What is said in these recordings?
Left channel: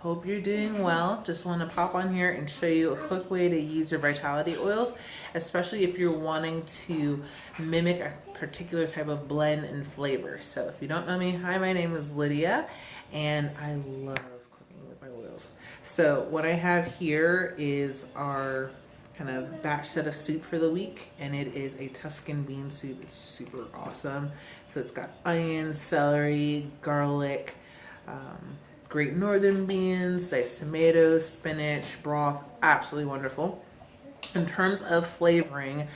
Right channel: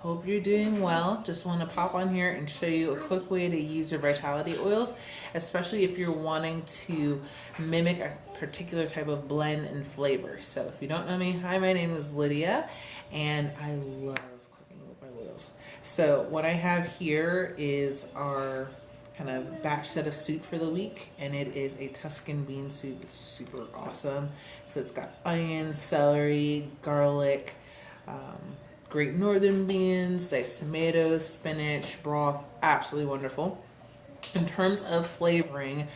Hope you're doing well. Just want to pop on here and show you a quick way to use your Vitality oils, especially if you're wanting to mimic a particular type of blend and flavor. So if you don't know me, hi, my name is Lydia, and I love cooking with my oils. So what I have here is our kind of batch set of soup for the week, and it is a Tuscan bean soup. It's super awesome. So it's got onions, celery, garlic, Great Northern beans, diced tomatoes, spinach, broth, absolutely wonderful. In terms of flavoring,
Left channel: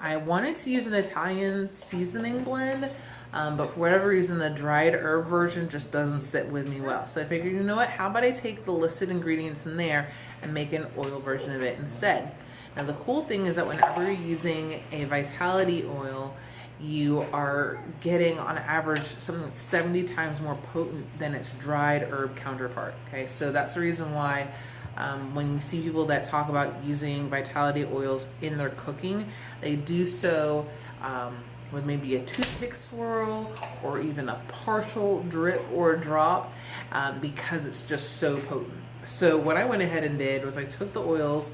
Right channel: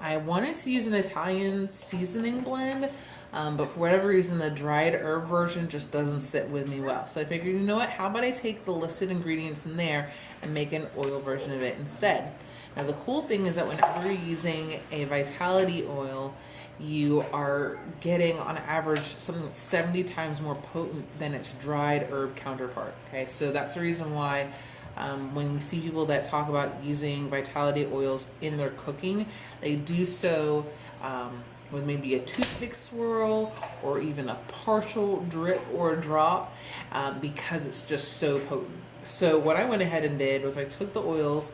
I wanted to use an Italian seasoning blend, but for whatever reason, the dried herb version just doesn't sit with me well. So I figured, you know what, how about I take the listed ingredients in there and make an oil version of it instead. Now the cool thing is that whenever you're using a Vitality oil, you are getting on average something that's 70 times more potent than its dried herb counterpart. Okay, so that's the reason why when you see people that talk about using Vitality oils in their cooking, they do so with maybe a toothpick swirl or even a partial drip or drop because it's just so potent. So what I went ahead and did was I took the oils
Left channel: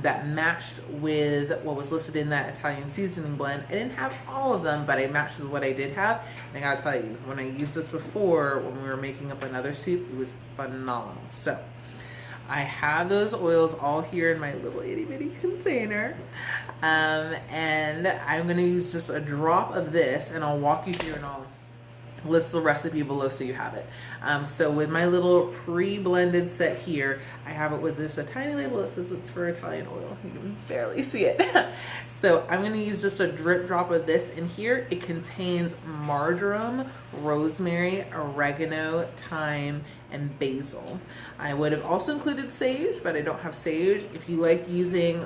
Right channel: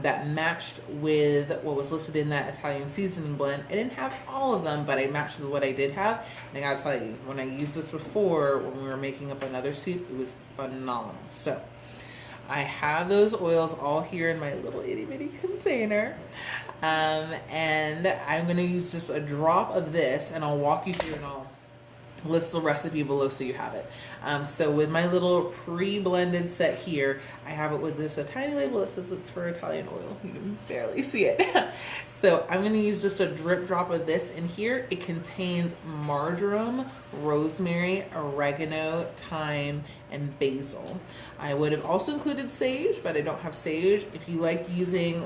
that matched with what was listed in that Italian seasoning blend. I didn't have all of them, but I matched with what I did have. And I gotta tell you, when I used this before, when we were making up another soup, it was phenomenal. So I have those oils all here in my little itty bitty container. And I'm gonna use just a drop of this, and I'll walk you through and I'll list the recipe below so you have it. So with my little pre-blended set here, I have it with this a tiny label that says it's for Italian oil. You can barely see it. So I'm going to use just a drip drop of this in here. It contains marjoram, rosemary, oregano, thyme, and basil. I would have also included sage, but I don't have sage. If you like using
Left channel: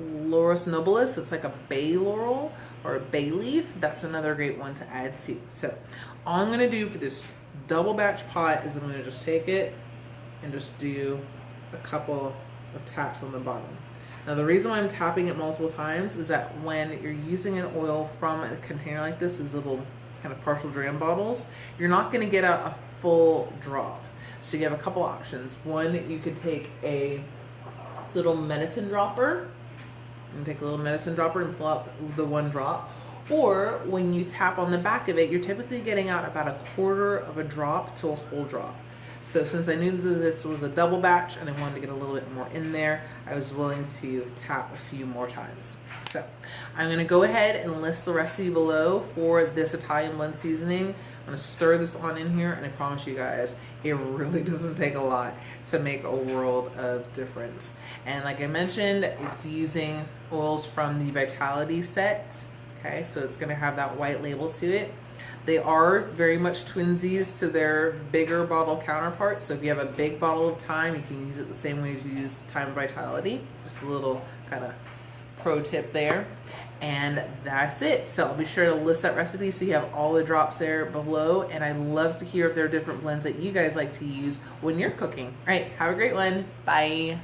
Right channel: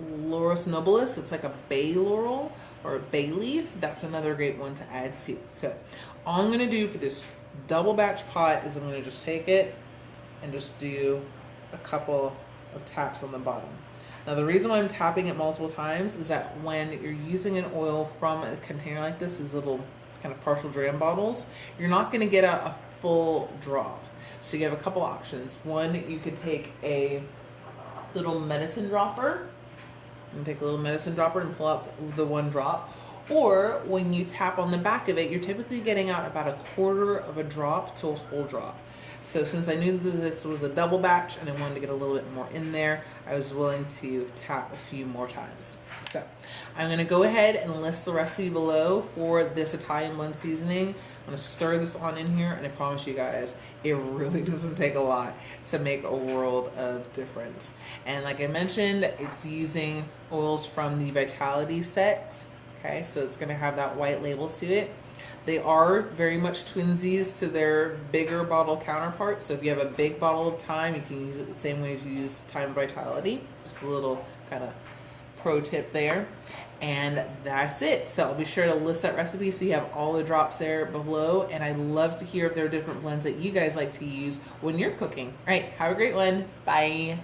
Laurus nobilis, it's like a bay laurel or a bay leaf, that's another great one to add to. So all I'm going to do for this double batch pot is I'm going to just take it and just do a couple of taps on the bottom. Now the reason why I'm tapping it multiple times is that when you're using an oil from a container like this, these little kind of partial dram bottles, you're not going to get out a full drop. So you have a couple options. One, you could take a little medicine dropper and take a little medicine dropper and pull out the one drop. Or when you tap on the back of it, you're typically getting out about a quarter of a drop to a whole drop. So since I knew that this was a double batch and I wanted to get a little bit more in there, I was willing to tap a few more times. So I'm going to go ahead and list the recipe below for this Italian blend seasoning. I'm going to stir this on in here, and I promise you guys, it really doesn't take a lot to make a world of difference. And like I mentioned, it's using oils from the Vitality sets. Okay, so it's going to have that white label to it. They are very much twinsies to their bigger bottle counterparts. So if you have a big bottle of thyme, you can use it the same way as you use Thyme Vitality. Just a little kind of pro tip there. And that's it. So I'll be sure to list that recipe so you have all the drops there below. And I'd love to hear if there are different blends that you guys like to use when you're cooking. All right, have a great one. Bye.